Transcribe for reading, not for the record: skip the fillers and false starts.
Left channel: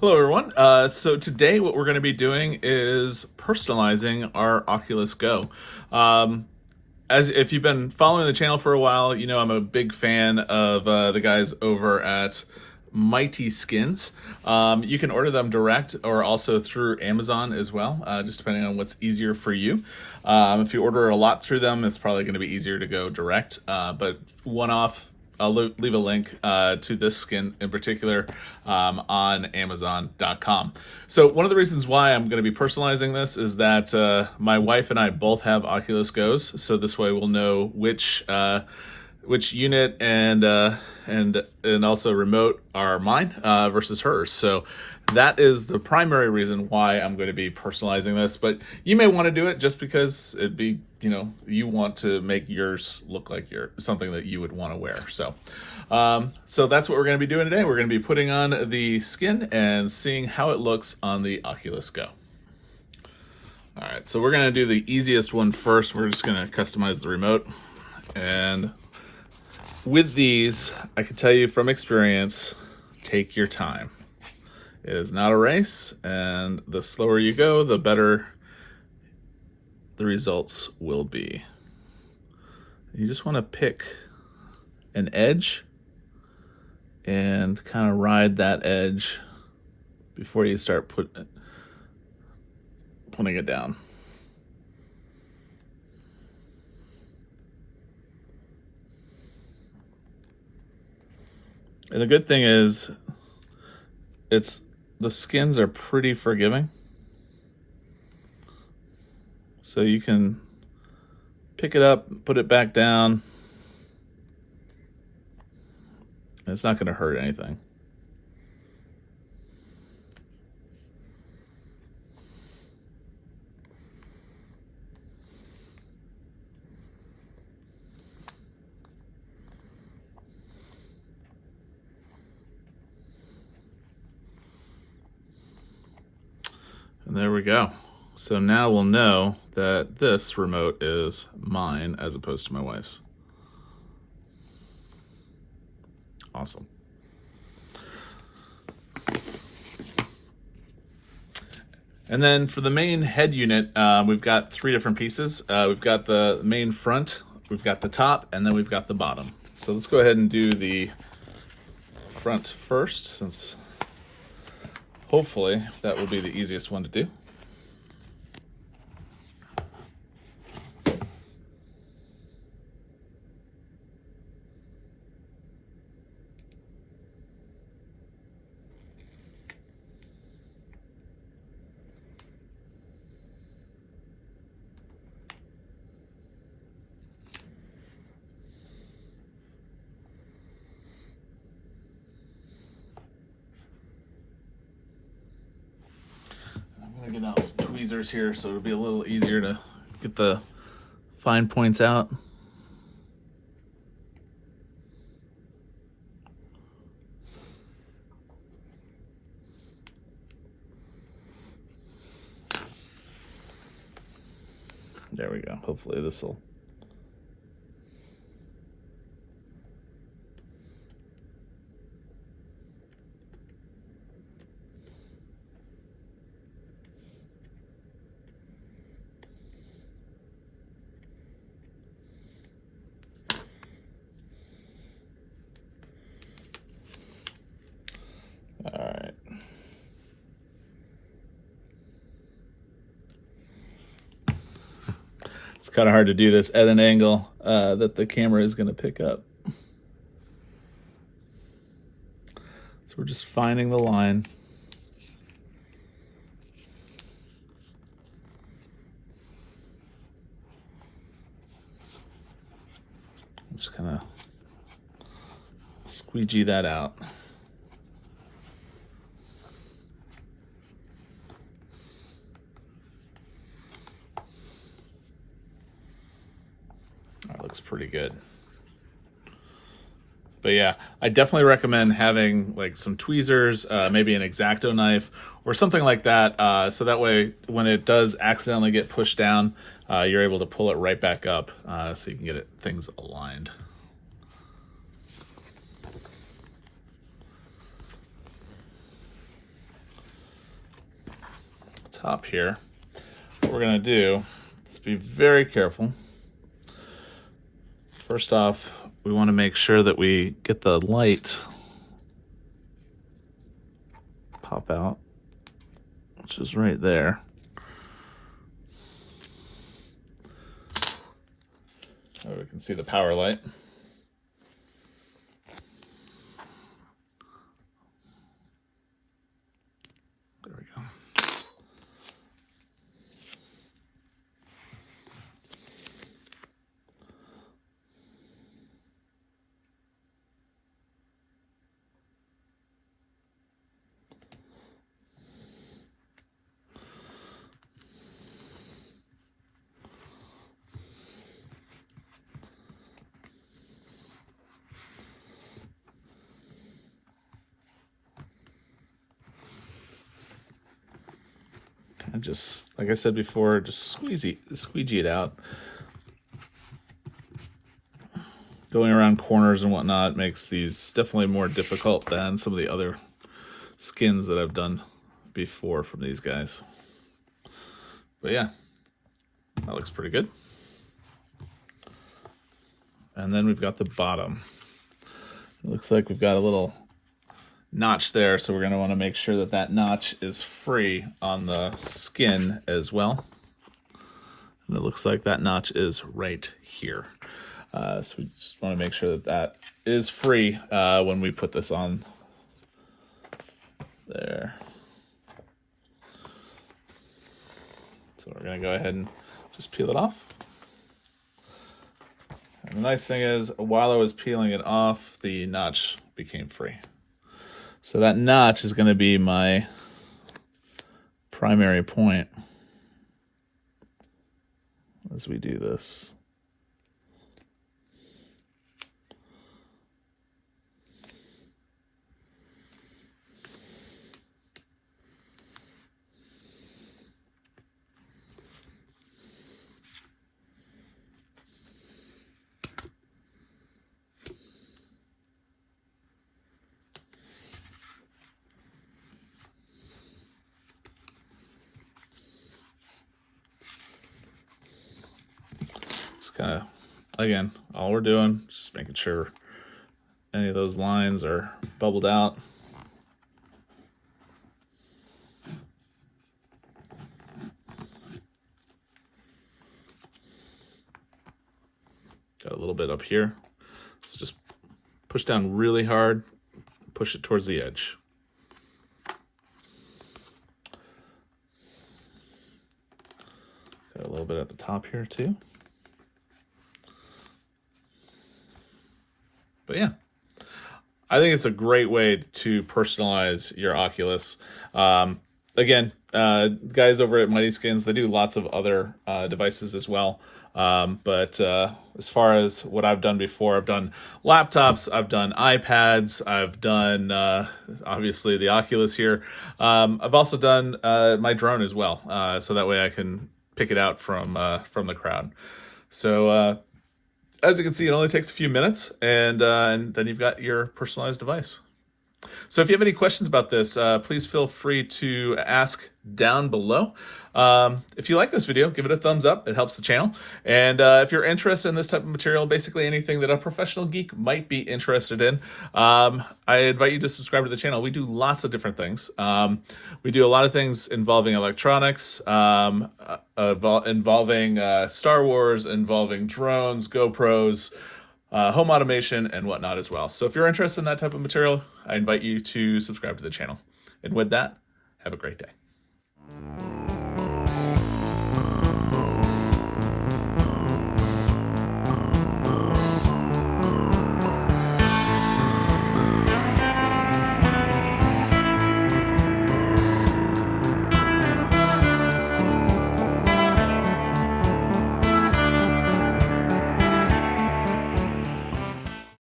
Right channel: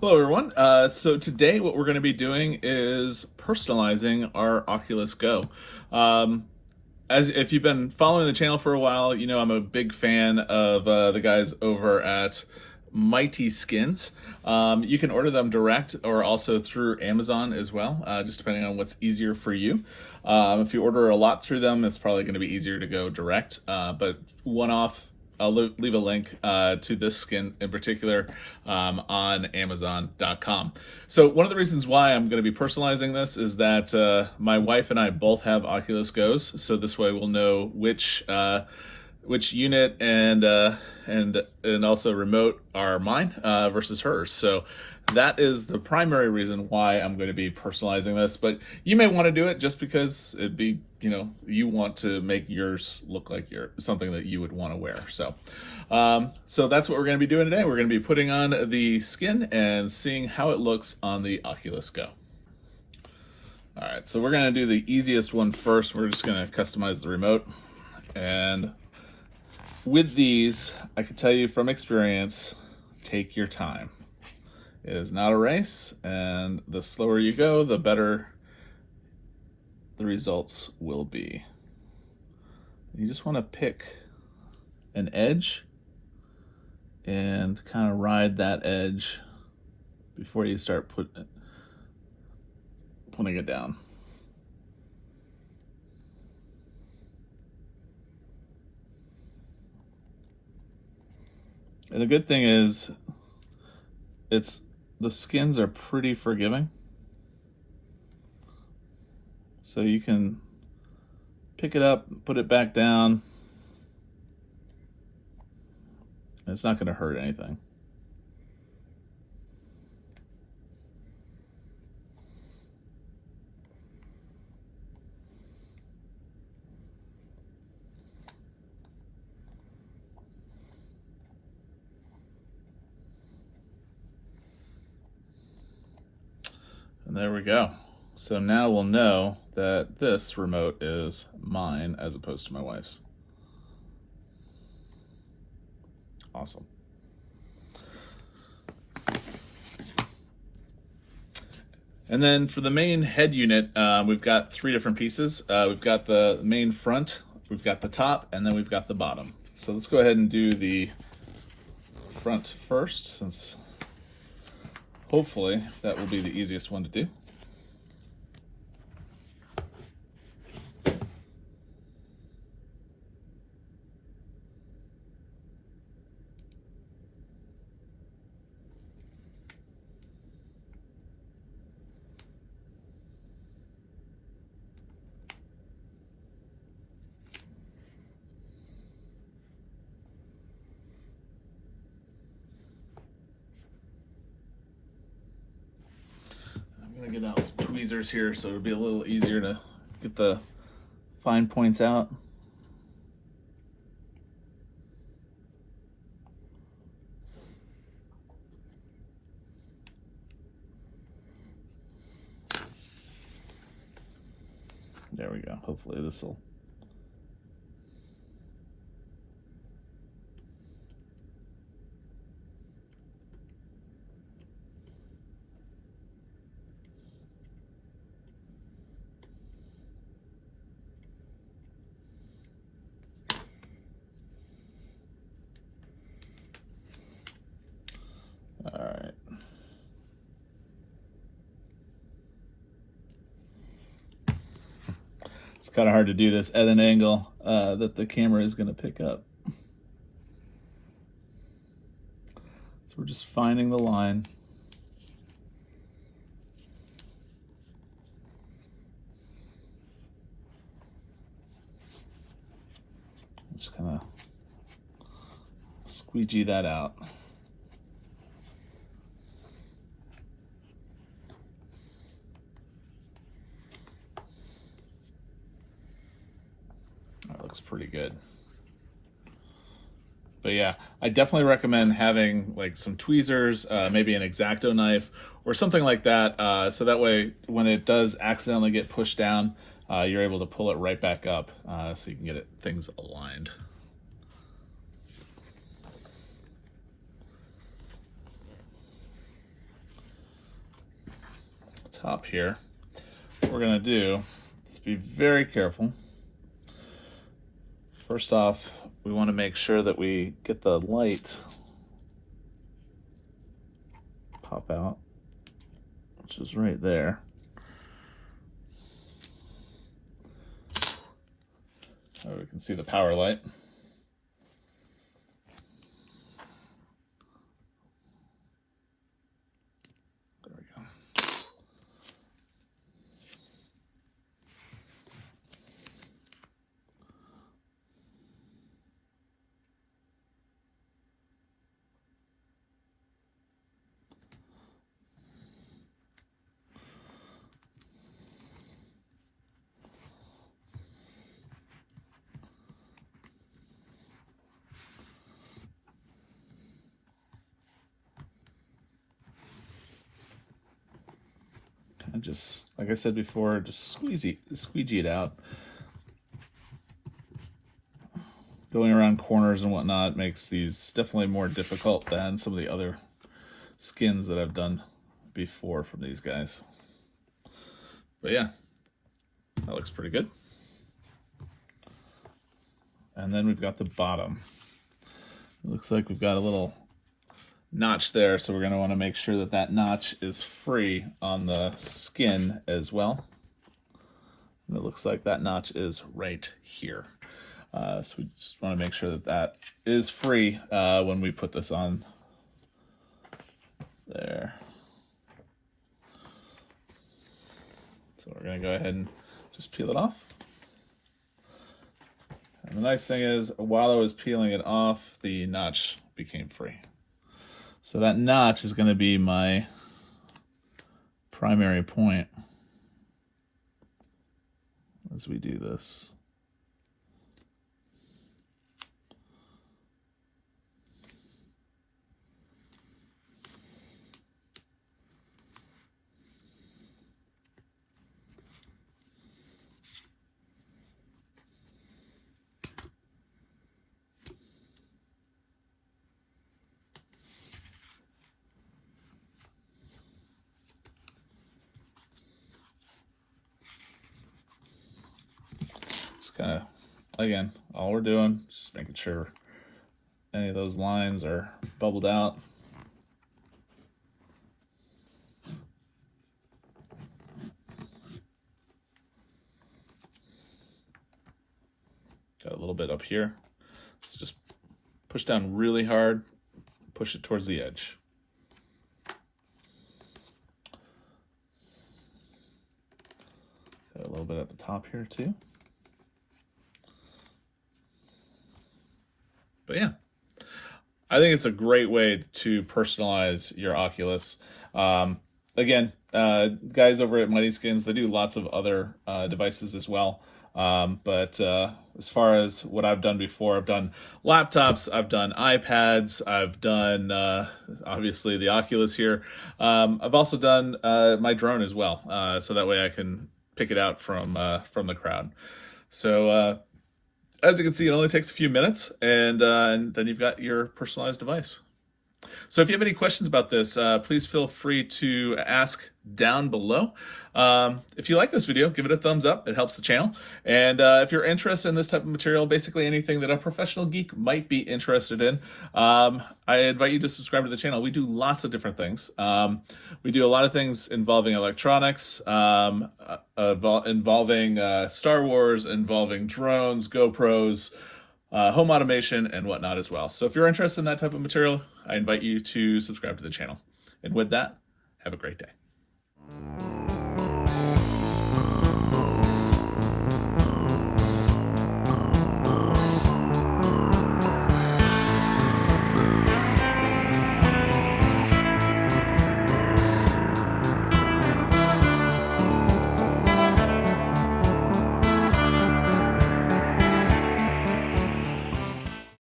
Hello, everyone. So today, what we're going to be doing is personalizing our Oculus Go. Um, as if you've been following the channel for a while, you know I'm a big fan of the guys over at MightySkins. You can order them direct or also through Amazon as well, just depending on what's easier for you. If you order a lot through them, it's probably going to be easier to go direct. But one-off, I'll leave a link to this skin in particular on Amazon.com. So one of the reasons why I'm going to be personalizing this is that my wife and I both have Oculus Go's, so this way we'll know which unit and also remote are mine versus hers. So that is the primary reason why I'm going to be personalizing this. But you may want to do it just because it'd be, you want to make yours look like something that you would want to wear. So, so that's what we're going to be doing today. We're going to be putting on the skin and seeing how it looks on the Oculus Go. All right, so we're going to do the easiest one first. We're just going to customize the remote. And with these, I can tell you from experience, take your time. It is not a race, and the slower you go, the better the results will be. You just want to pick an edge and kind of ride that edge before you start putting it down. And the good thing is, the skins are pretty forgiving. So you can pick it up, put it back down. And it's not going to hurt anything. And there we go. So now we'll know that this remote is mine as opposed to my wife's. Awesome. And then for the main head unit, we've got three different pieces. We've got the main front, we've got the top, and then we've got the bottom. So let's go ahead and do the front first, since hopefully that will be the easiest one to do. I'm gonna get out some tweezers here so it'll be a little easier to get the fine points out. There we go. Hopefully this will. All right. It's kind of hard to do this at an angle that the camera is going to pick up. So we're just finding the line. Just kind of squeegee that out. That looks pretty good. But yeah, I definitely recommend having like some tweezers, maybe an X-Acto knife or something like that. So that way, when it does accidentally get pushed down, you're able to pull it right back up so you can get things aligned. top here, what we're going to do is be very careful. First off, we want to make sure that we get the light pop out, which is right there. So we can see the power light. There we go. And just, like I said before, just squeegee it out. Going around corners and whatnot makes these definitely more difficult than some of the other skins that I've done before from these guys. But yeah, that looks pretty good. And then we've got the bottom. It looks like we've got a little notch there, so we're going to want to make sure that that notch is free on the skin as well. And it looks like that notch is right here. So we just want to make sure that that is free when we put this on there. So we're going to go ahead and just peel it off. And the nice thing is, while I was peeling it off, the notch became free. So that notch is going to be my primary point as we do this. Kind of, again, all we're doing, just making sure any of those lines are bubbled out. Got a little bit up here, so just push down really hard, push it towards the edge. Got a little bit at the top here too. But yeah, I think it's a great way to personalize your Oculus. Again, guys over at MightySkins, they do lots of other devices as well. But as far as what I've done before, I've done laptops, I've done iPads, I've done obviously the Oculus here. I've also done my drone as well, so that way I can pick it out from the crowd. So as you can see, it only takes a few minutes, and then you've got your personalized device. So if you have any questions about this, please feel free to ask down below. If you like this video, give it a thumbs up. It helps the channel. And if you're interested in this type of material, basically anything that a professional geek might be interested in, I invite you to subscribe to the channel. We do lots of different things. We do a lot of things involving electronics, involving Star Wars, involving drones, GoPros, home automation, and whatnot as well. So if you're interested in that type of material, I invite you to subscribe to the channel. And with that, have a great day.